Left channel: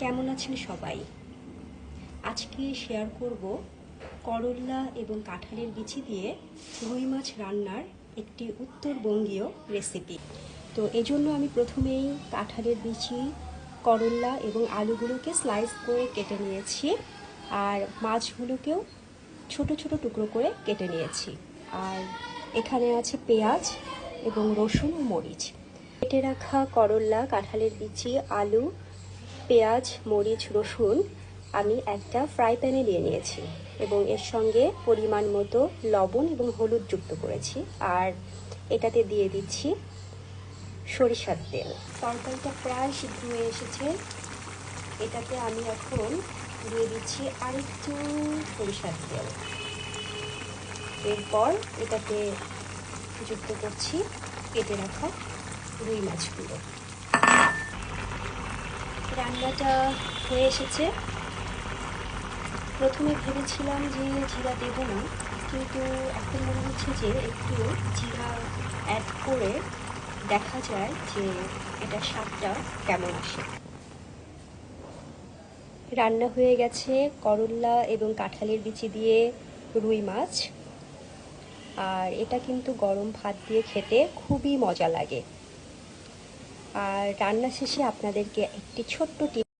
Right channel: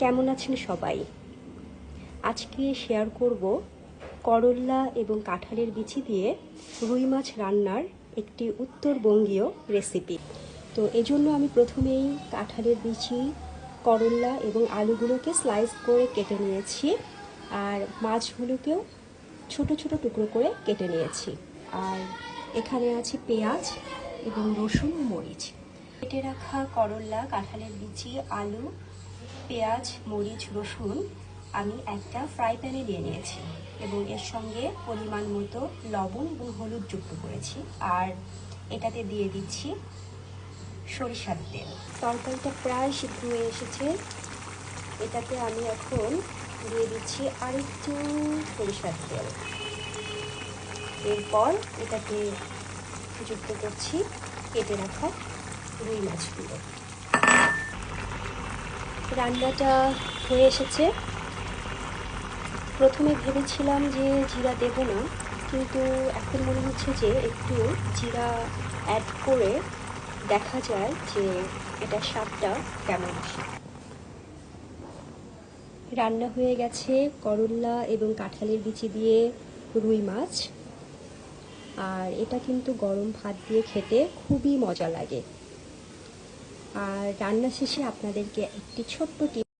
কেমন আছেন সবাই? আজকে শেয়ার করব করল্লা এবং কাঁঠালের বিচি দিয়ে রুই মাছ রান্নার একটি উত্তরবঙ্গীয় রেসিপি তো এজন্য আমি প্রথমেই কাঁঠালের বিচি, করল্লা এবং আলুগুলোকে স্লাইস করে কেটে নিয়েছি আর মাছগুলোকেও ছোট ছোট টুকরো করে কেটে নিয়েছি। আর এখানে আছে পেঁয়াজ এবং রসুন মরিচ। কেটে রাখা করল্লা, কাঁঠালের বিচি, আলু পেঁয়াজ, মরিচ, রসুন আমি একটা ফ্রাই প্যানে দিয়ে নিয়েছি এবং এর সঙ্গে পরিমাণ মতো লবণ এবং হলুদ যুক্ত করেছি। আর এটাতে দিয়ে দিচ্ছি সরিষার তেল। তরকারিটা প্রায় সিদ্ধ হয়ে এসেছে। এটাতে আমি এখন দিয়ে দিচ্ছি আরেকটু সরিষার তেল। এরপর এটাতে যুক্ত করছি কেটে রাখা রুই মাছগুলো। রান্নাটা হয়ে এসেছে। প্রথমে ভেবেছিলাম যে জিরা দেবো না, কিন্তু এখন মনে হচ্ছে যে একটু জিরা অ্যাড করে দেখা যায় যে এটা স্বাদটা কেমন আসে। রান্না হয়ে গেছে করল্লা এবং কাঁঠালের বিচি দিয়ে রুই মাছ। আর এটা কিন্তু গরম ভাত দিয়ে খেতে খুবই মজা লাগে। আর রান্না শেষে আপনাদেরকে একটি ছোট্ট